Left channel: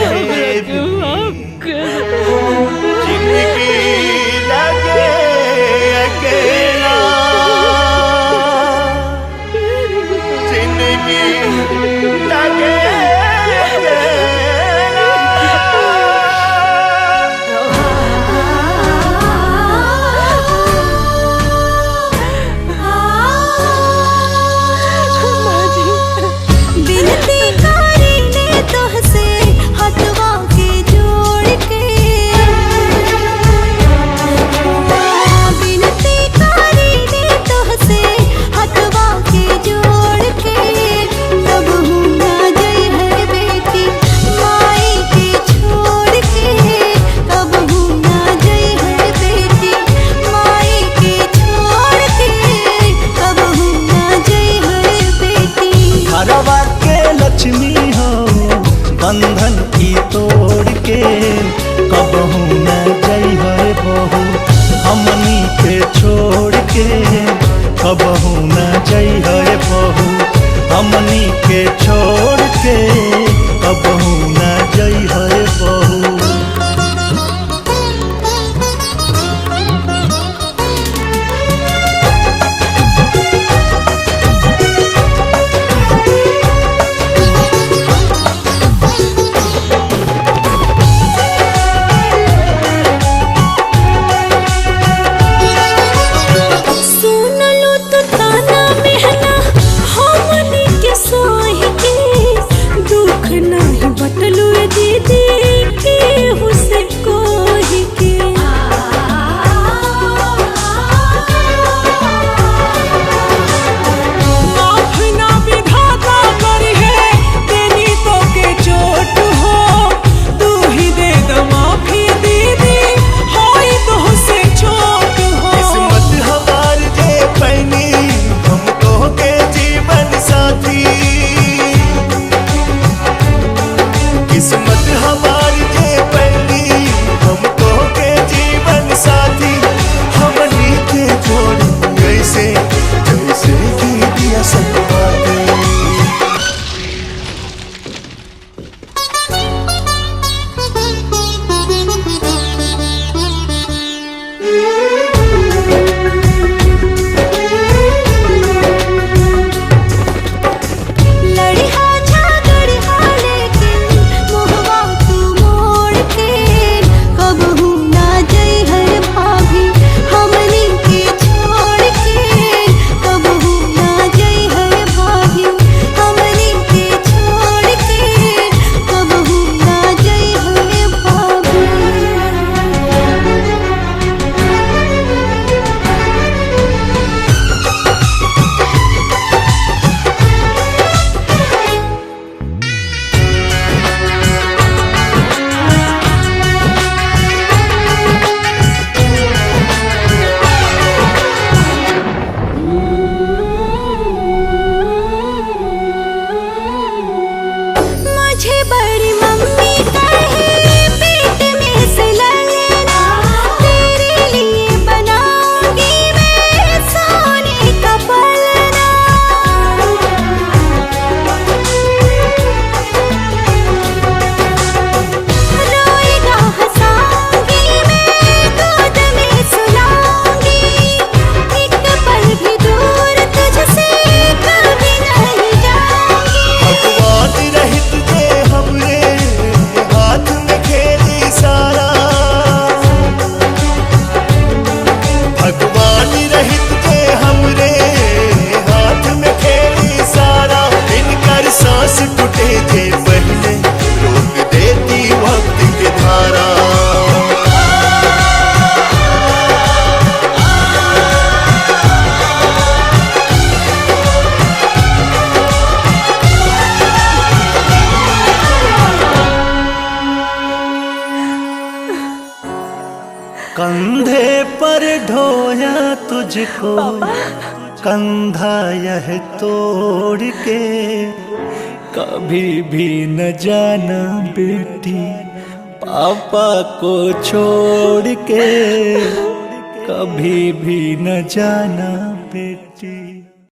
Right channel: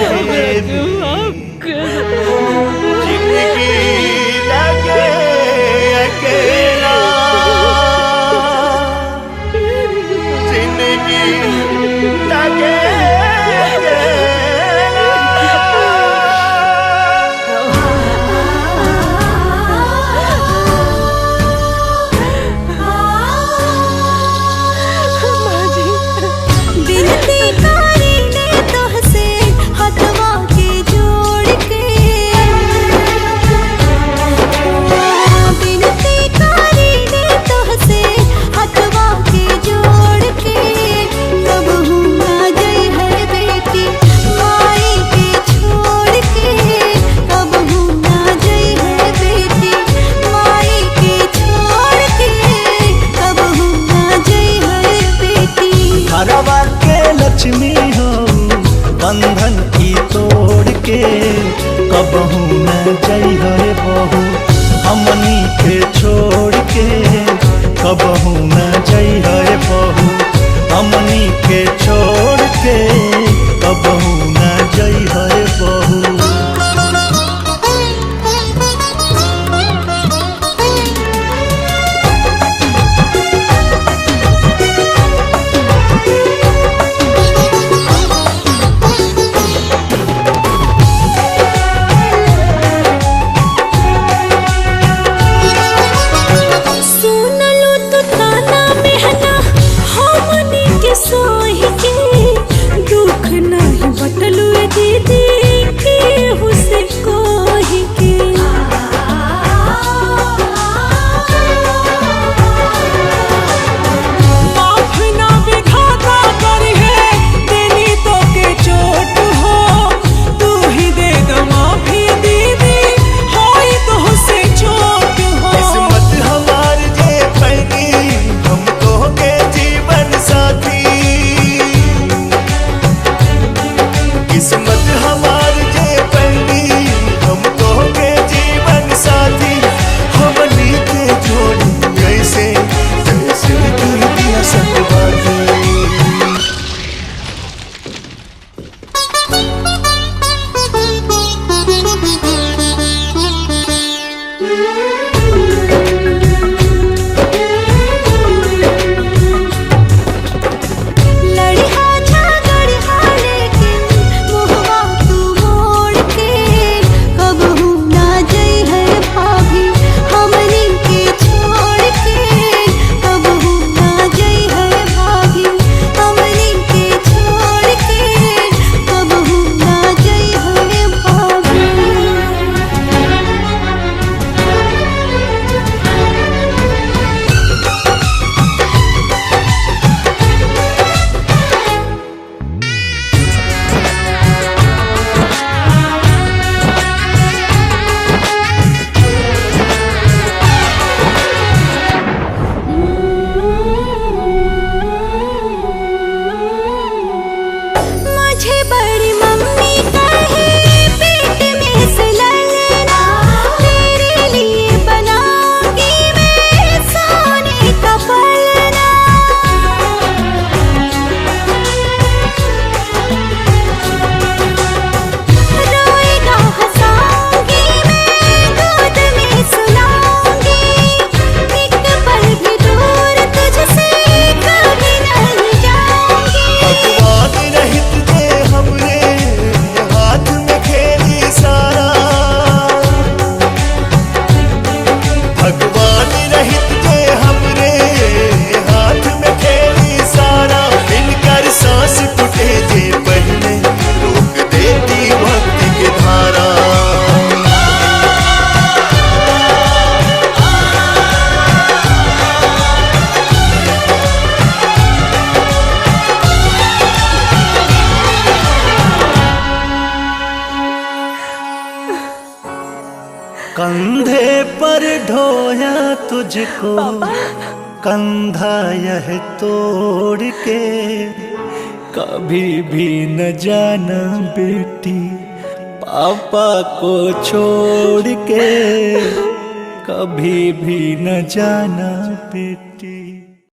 जिंदगी लगे अकेला, जिंदगी लगे घरवा के लक्ष्मी हो बंधन की तोड़ के, कबहू न जई है बहू हमनी के छोड़ के, कबहू न जई है बहू हमनी के छोड़ के, कबहू न जई है बहू। नहीं बटलू दीदी के हुसे कोही के, माफ ना विधाता करी है देनी तो के चोट हो, तू ही दे दो माफी दीदी होई तो हुसे चोट हो। किस्मत हमार जे पैनी हमको के जीवन साथी, किस्मत हमार जे पैनी हमको के जीवन साथी, हमनी के जोड़ी ऐसे जैसे की दिया सतबाती। बड़ी मम्मी कहे पेट में से ललना, तेरे लिए बनाऊंगी मैं सोने का पलना। रोएगा हंसाऊंगी मैं गोद में सुलाऊंगी, एक पल भी दूर तुझसे कभी नहीं जाऊंगी। भगवान रहित जे हमरे हाथ में खेली सारा, भगवान रहित जे हमरे हाथ में खेली सारा, इनकर सांस टूटे जे पहले रोक देती वक्त के धारा। कंधे पर ढोया तुझको कंधा यह तोड़ के, कभी भी न जाना बेटी पापा को छोड़ के, कभी भी न जाना बेटी।